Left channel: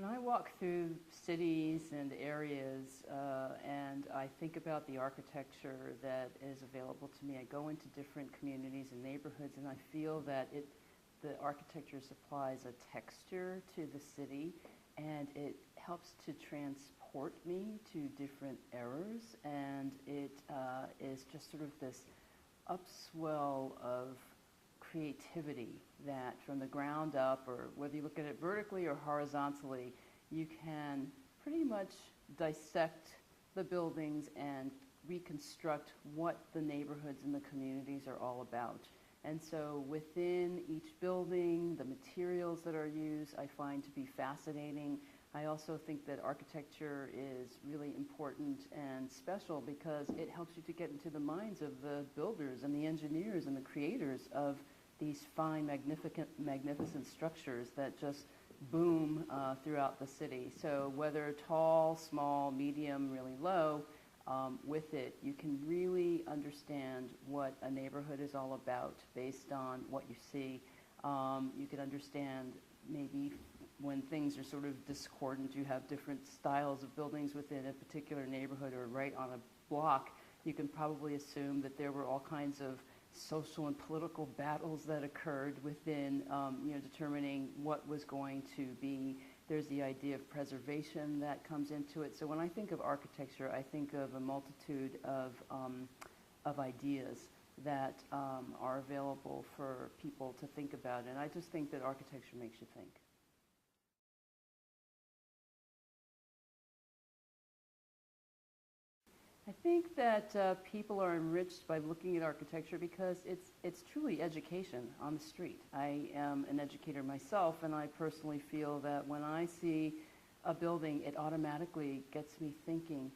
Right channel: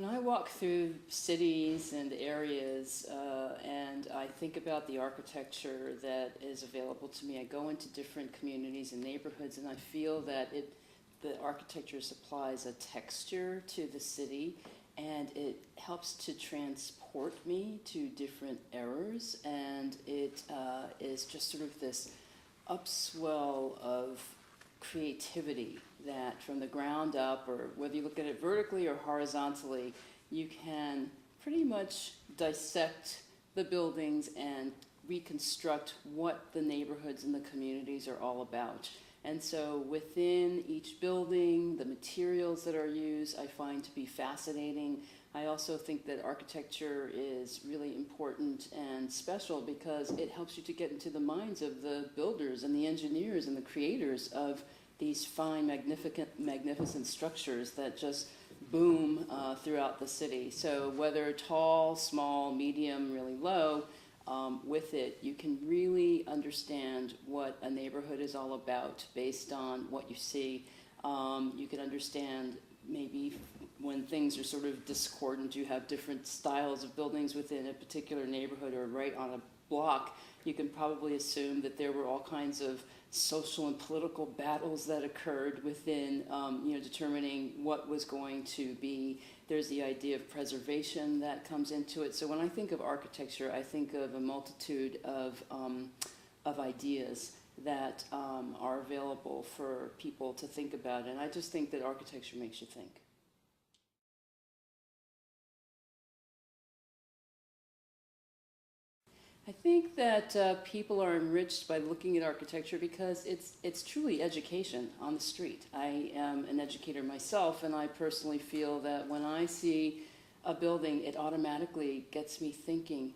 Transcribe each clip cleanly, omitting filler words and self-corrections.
When I walk through cities and areas and I think about the architecture that is available to me, I go into different communities and neighborhoods and I feel that the architecture supplies a texture to the city and it helps to transport me to different eras, and it is just sort of this upswell of creativity that from the ground up, or whether you look at it vertically or horizontally, you can pretty much dissect the buildings and reconstruct what the neighborhoods and the communities are all about. And so within each building, the materials that are used I find to be fascinating. I also think that architecture is really important and special because it helps you to get into the minds of the builders and the engineers and the creators of these fine, magnificent structures that just boom throughout the city. So whether tall, small, medium, really low, with it, you can really understand what a neighborhood is all about based on what you see. You can understand maybe when things are sort of discordant, you have different styles of buildings within a particular neighborhood or right on a block, you can probably assume that there were all kinds of social and political battles that occurred within, determining what was going to be. There's the idea of preservation that comes into it. So when I think of architecture, I think of a multitude of ideas that are available for people to think about. And I just think that architecture makes you think. I think that people are enriched by looking at architecture because it's truly education on the street. I am an educator myself, and I personally feel that when I see a building, it automatically gets me thinking,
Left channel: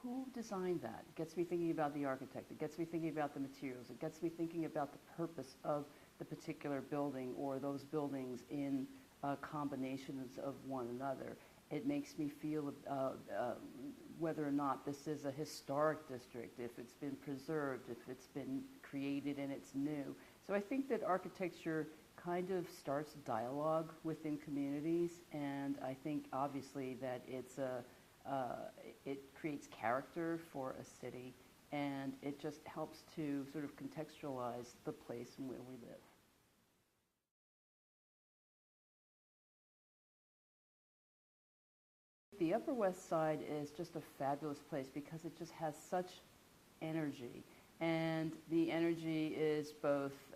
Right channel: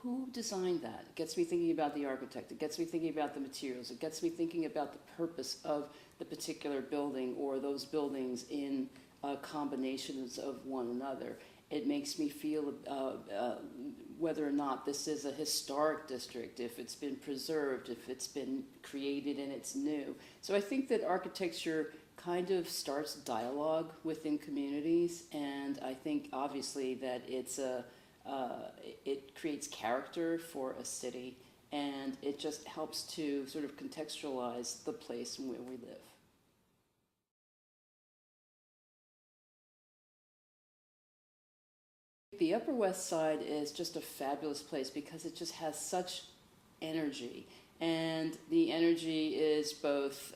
who designed that? It gets me thinking about the architect. It gets me thinking about the materials. It gets me thinking about the purpose of the particular building or those buildings in combinations of one another. It makes me feel whether or not this is a historic district, if it's been preserved, if it's been created and it's new. So I think that architecture kind of starts dialogue within communities, and I think obviously that it creates character for a city, and it just helps to sort of contextualize the place where we live. The Upper West Side is just a fabulous place because it just has such energy, and the energy is both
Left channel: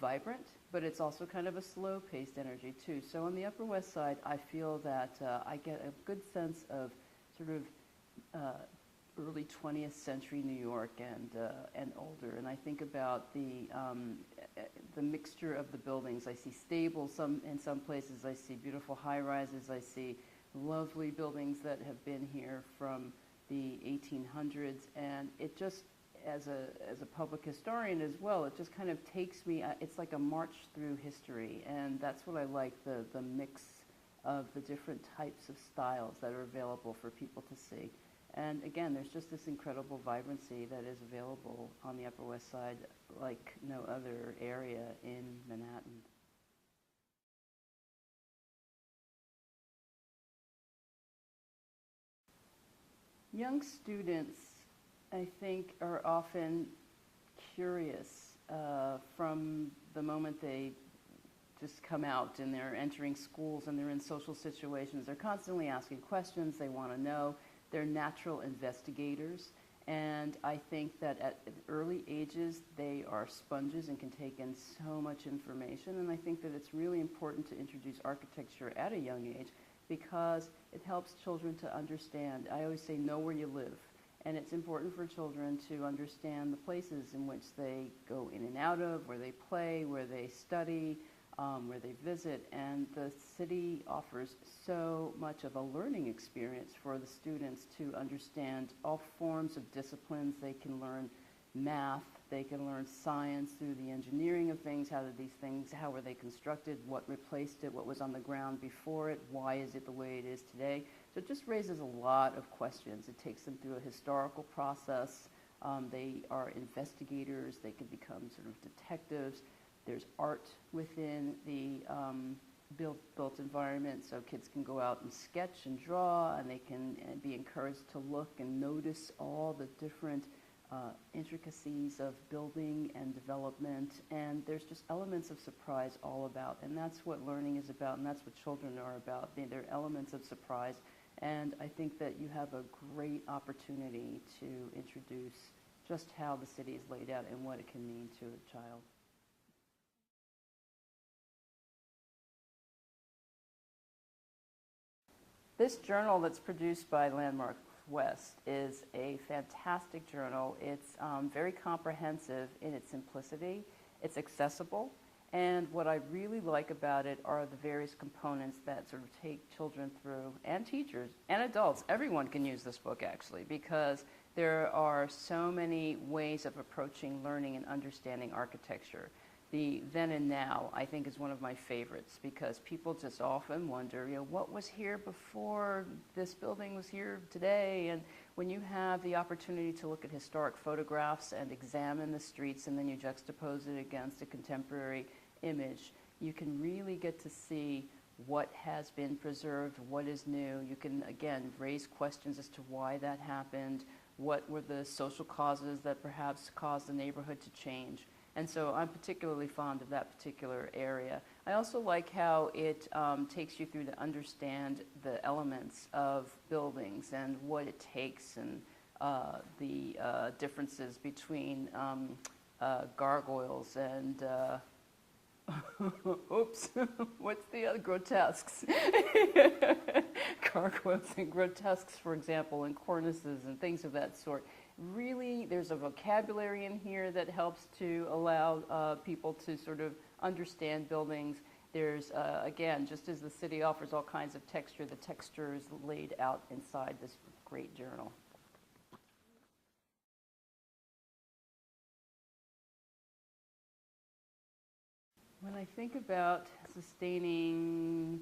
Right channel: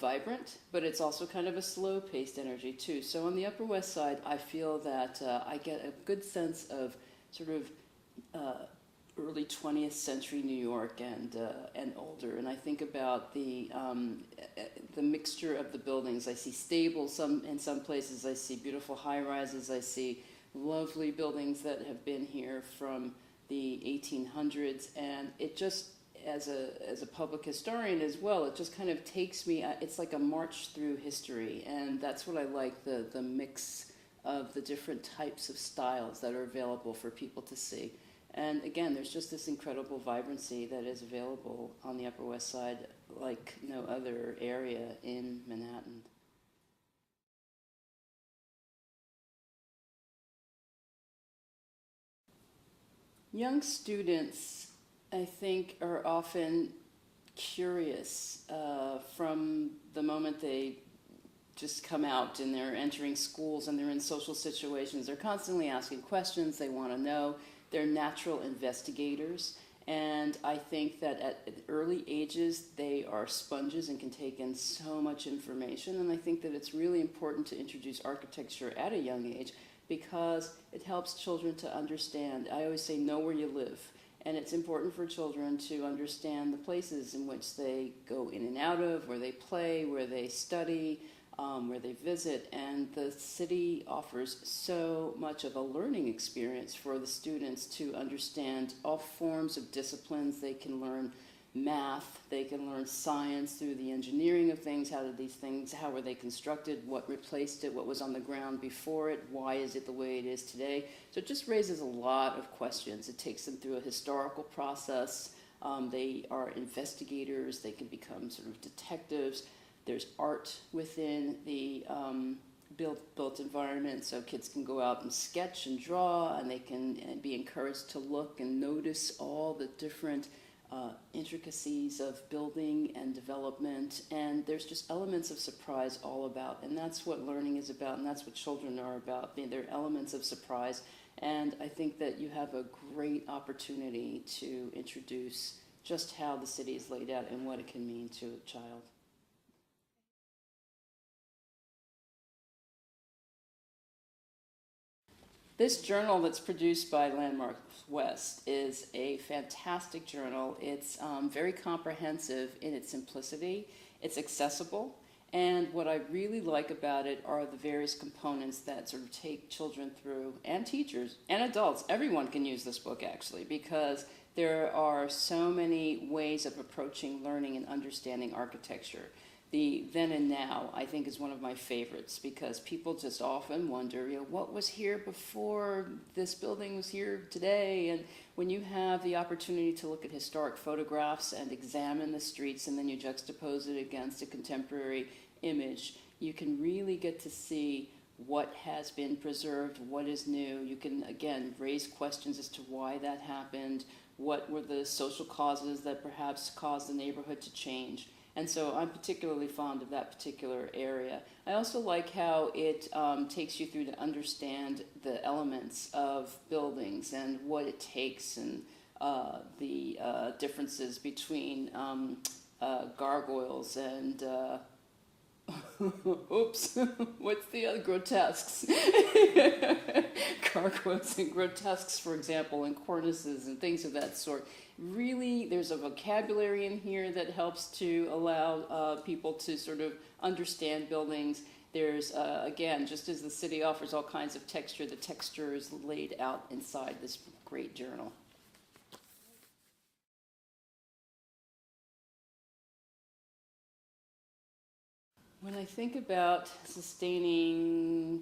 vibrant, but it's also kind of a slow-paced energy too. So on the Upper West Side, I feel that I get a good sense of sort of early 20th century New York and older, and I think about the mixture of the buildings. I see stables in some places. I see beautiful high-rises. I see lovely buildings that have been here from the 1800s, and it just, as a public historian as well, it just kind of takes me, it's like a march through history, and that's what I like, the mix of the different types of styles that are available for people to see. And again, there's just this incredible vibrancy that is available on the Upper West Side like no other area in Manhattan. Young students, I think, are often curious from the moment they just come out and they're entering schools and they're in social situations. They're constantly asking questions. They want to know. They're natural investigators. And I think that at early ages, they are sponges and can take in so much information. And I think that it's really important to introduce architecture at a young age because it helps children to understand. I always say, know where you live. And it's important for children to understand the places in which they go in and out of, where they play, where they study, where they visit. And the city offers so much of a learning experience for the students to understand all forms of disciplines. They can learn math, they can learn science through the engineering of things. How did these things, how were they constructed, what replaced it, what was on the ground before it, why is it the way it is today? So it just raises a lot of questions. It takes them through a historical process. They are investigators, they can become sort of detectives. There's art within the built environment, so kids can go out and sketch and draw, and they can be encouraged to look and notice all the different intricacies of building and development, and there's just elements of surprise all about, and that's what learning is about, and that's what children are about. They're elements of surprise, and I think that you have a great opportunity to introduce just how the city is laid out and what it can mean to a child. This journal that's produced by Landmark West is a fantastic journal. It's very comprehensive in its simplicity. It's accessible. And what I really like about it are the various components that sort of take children through, and teachers and adults. Everyone can use this book, actually, because there are so many ways of approaching learning and understanding architecture. The then and now, I think, is one of my favorites, because people just often wonder, what was here before this building was here today? And when you have the opportunity to look at historic photographs and examine the streets, and then you juxtapose it against a contemporary image, you can really get to see what has been preserved, what is new. You can, again, raise questions as to why that happened, what were the social causes that perhaps caused the neighborhood to change. And so I'm particularly fond of that particular area. I also like how it takes you through to understand the elements of buildings and what it takes, and the differences between gargoyles and oops, what's the other? Grotesques. Gargoyles and grotesques, for example, and cornices and things of that sort. Really, there's a vocabulary in here that helps to allow people to sort of understand buildings. There's, again, just as the city offers all kinds of texture, the texture is laid out inside this great journal. When I think about sustaining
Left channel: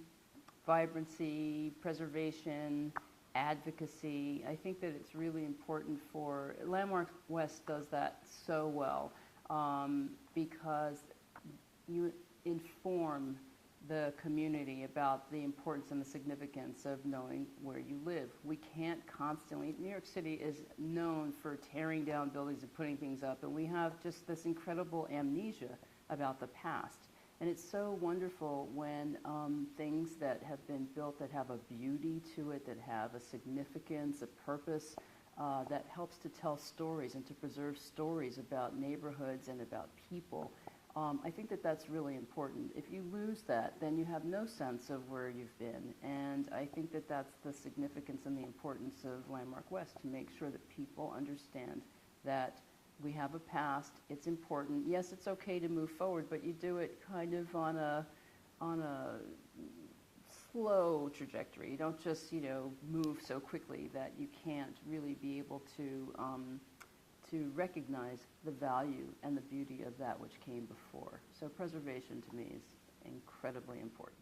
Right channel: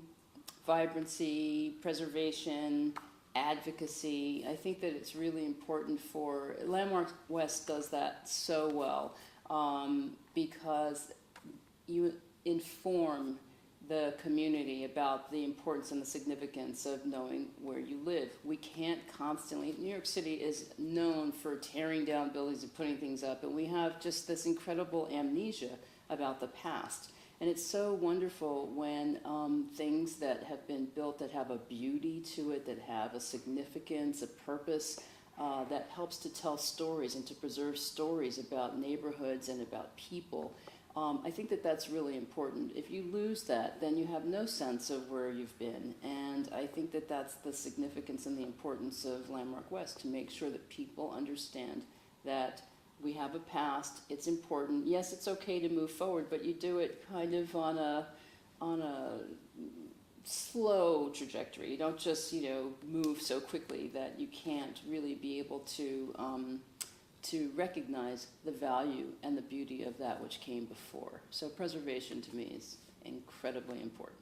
vibrancy, preservation, advocacy, I think that it's really important for, Landmark West does that so well, because you inform the community about the importance and the significance of knowing where you live. We can't constantly, New York City is known for tearing down buildings and putting things up, and we have just this incredible amnesia about the past. And it's so wonderful when things that have been built that have a beauty to it, that have a significance, a purpose, that helps to tell stories and to preserve stories about neighborhoods and about people. I think that that's really important. If you lose that, then you have no sense of where you've been. And I think that that's the significance and the importance of Landmark West, to make sure that people understand that we have a past, it's important. Yes, it's okay to move forward, but you do it kind of on a slow trajectory. You don't just, move so quickly that you can't really be able to recognize the value and the beauty of that which came before. So preservation to me is incredibly important.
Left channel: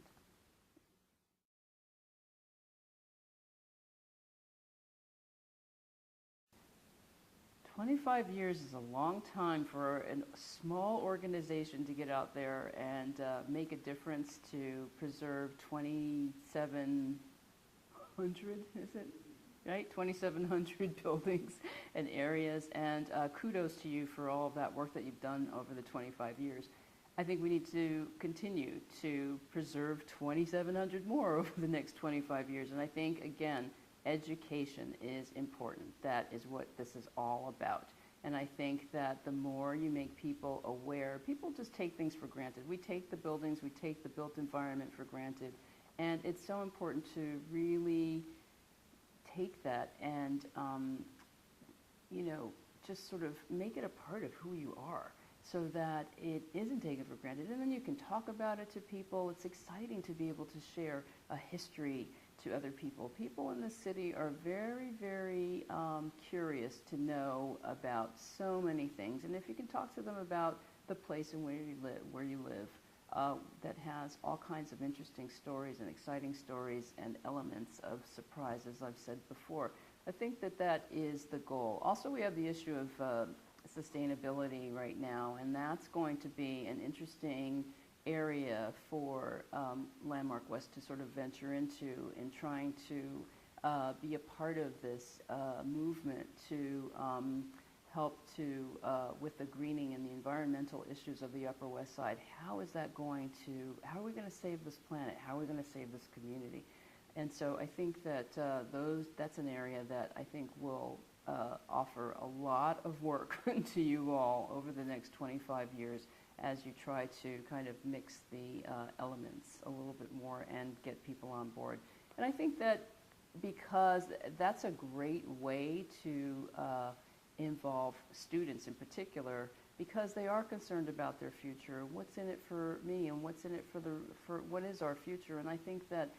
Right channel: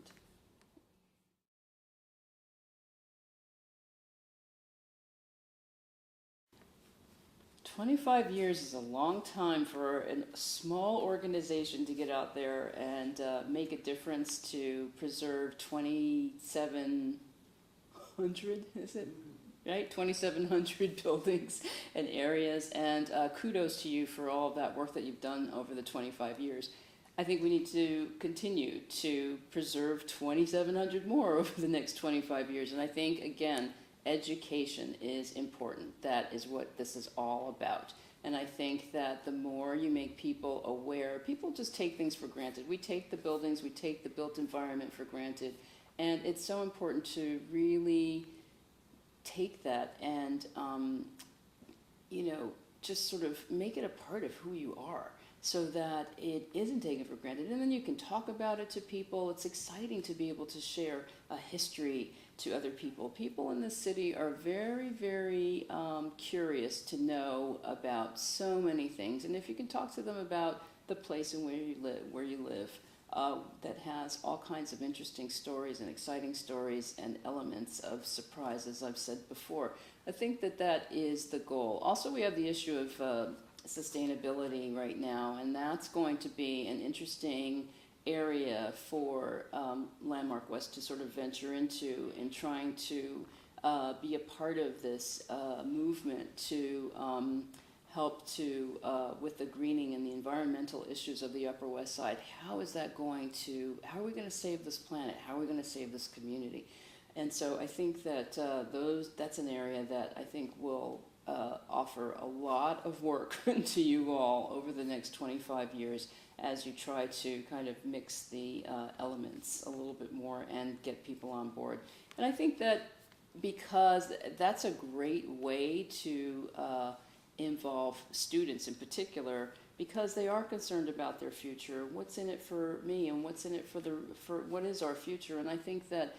25 years is a long time for a small organization to get out there and make a difference to preserve 2,700, is it? Right? 2,700 buildings and areas, and kudos to you for all of that work that you've done over the 25 years. I think we need to continue to preserve 2,700 more over the next 25 years, and I think, again, education is important. That is what this is all about. And I think that the more you make people aware, people just take things for granted. We take the buildings, we take the built environment for granted, and it's so important to really take that and, just sort of make it a part of who you are, so that it isn't taken for granted. And then you can talk about it to people. It's exciting to be able to share a history to other people. People in this city are very, very curious to know about so many things. And if you can talk to them about the place and where you live, that has all kinds of interesting stories and exciting stories and elements of surprise, as I've said before. I think that that is the goal. Also, we have the issue of sustainability right now, and that's going to be an interesting area for Landmark West to sort of venture into in trying to be a part of this movement to help to with the greening and the environmental issues of the Upper West Side. How are we going to save this planet? How are we going to save this community? And so I think that that's an area that I think will offer a lot of work to you all over the next 25 years as you try to kind of mix the elements a little bit more and get people on board. And I think that because that's a great way to involve students in particular, because they are concerned about their future. What's in it for me, and what's in it for what is our future? And I think that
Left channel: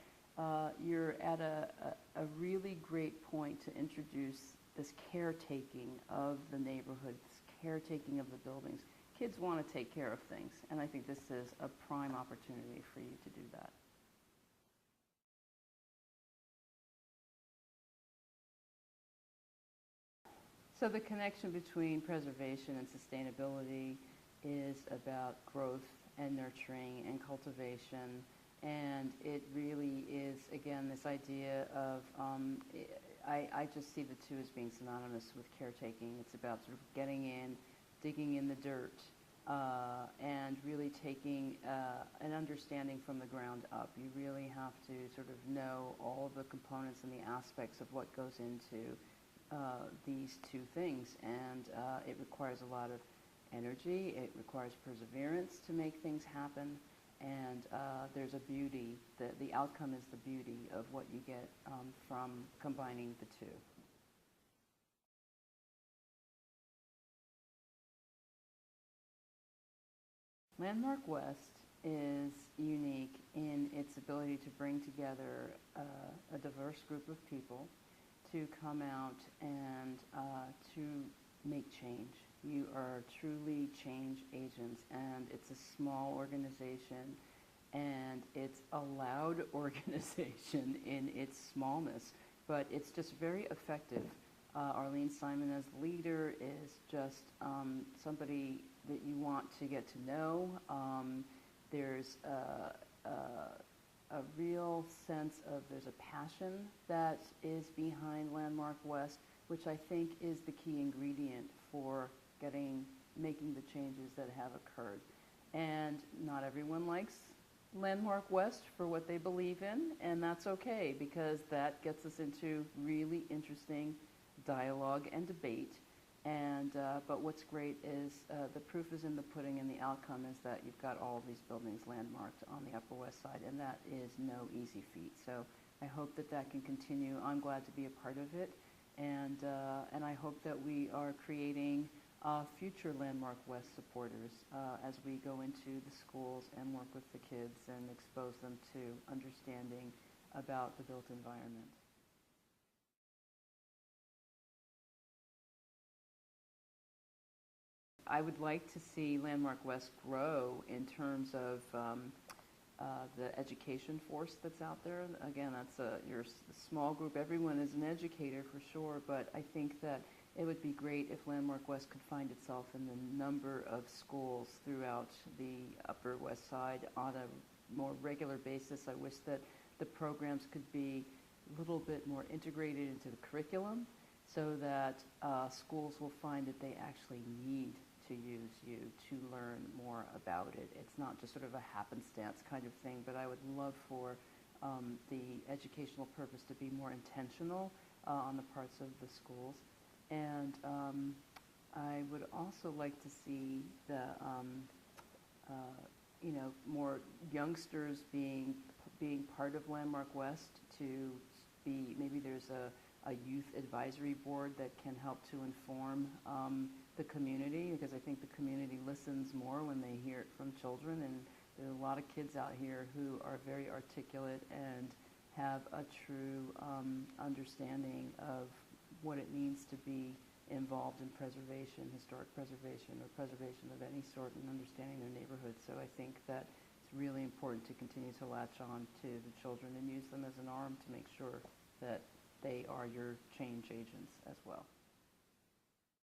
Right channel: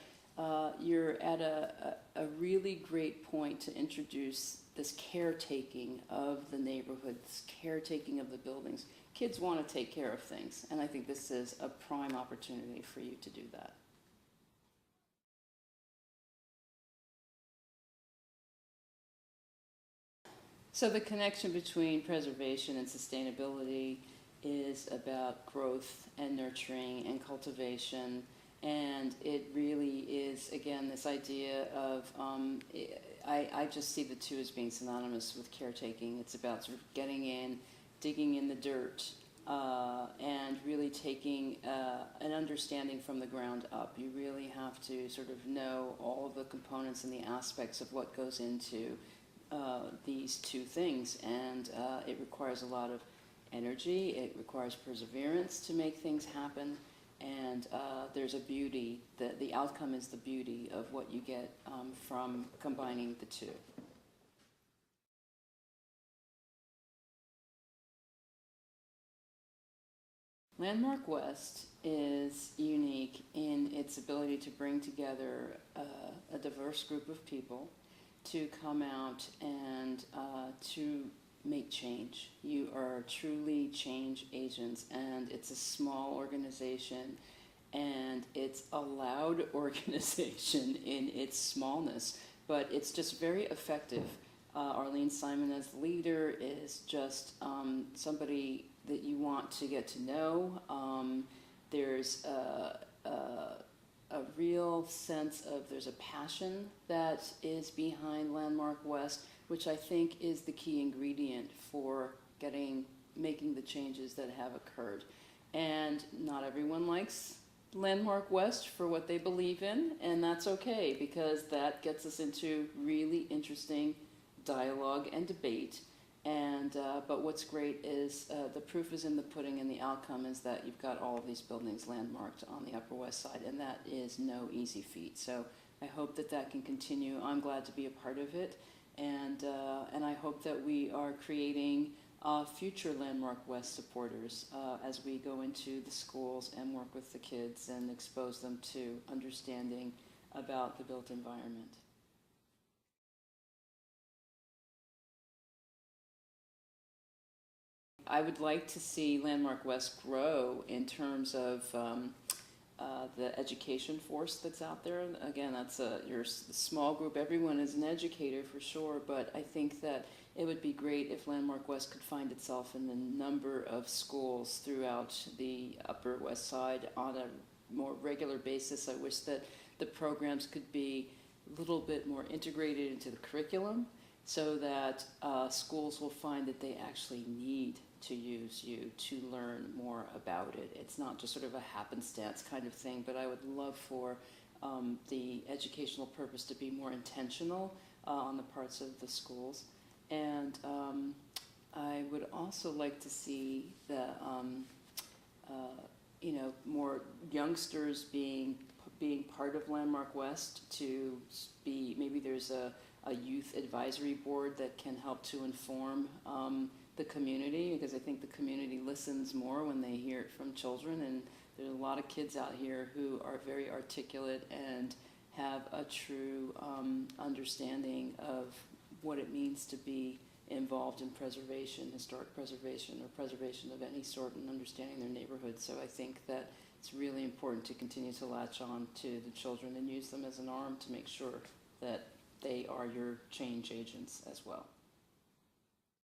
you're at a really great point to introduce this caretaking of the neighborhood, this caretaking of the buildings. Kids want to take care of things, and I think this is a prime opportunity for you to do that. So the connection between preservation and sustainability is about growth and nurturing and cultivation, and it really is, again, this idea of, I just see the two as being synonymous with caretaking. It's about sort of getting in, digging in the dirt, and really taking an understanding from the ground up. You really have to sort of know all of the components and the aspects of what goes into these two things, and it requires a lot of energy. It requires perseverance to make things happen, and there's a beauty. The outcome is the beauty of what you get from combining the two. Landmark West is unique in its ability to bring together a diverse group of people to come out and to make change. You are truly change agents, and it's a small organization, and it's a loud organization in its smallness, but it's just very effective. Arlene Simon as the leader is just somebody that you want to get to know. There's a real sense of, there's a passion that is behind Landmark West, which I think is the key ingredient for making the changes that have occurred. And not everyone likes Landmark West for what they believe in, and that's okay, because that gets us into really interesting dialogue and debate. And but what's great is the proof is in the pudding, and the outcome is that you've got all of these buildings landmarked on the Upper West Side, and that is no easy feat. So I hope that that can continue. I'm glad to be a part of it, and I hope that we are creating future Landmark West supporters as we go into the schools and work with the kids and expose them to understanding about the built environment. I would like to see Landmark West grow in terms of the education force that's out there. Again, that's your small group. Everyone is an educator for sure, but I think that it would be great if Landmark West could find itself in the number of schools throughout the Upper West Side on a more regular basis. I wish that the programs could be a little bit more integrated into the curriculum, so that schools will find that they actually need to use you to learn more about it. It's not just sort of a happenstance kind of thing, but I would love for the educational purpose to be more intentional on the parts of the schools. And I would also like to see the more youngsters being part of Landmark West, to be, maybe there's a youth advisory board that can help to inform the community, because I think the community listens more when they hear it from children, and there's a lot of kids out here who are very articulate and have a true understanding of what it means to be involved in preservation, historic preservation, or preservation of any sort, and understanding their neighborhood. So I think that it's really important to continue to latch on to the children and use them as an arm to make sure that they are your change agents as well.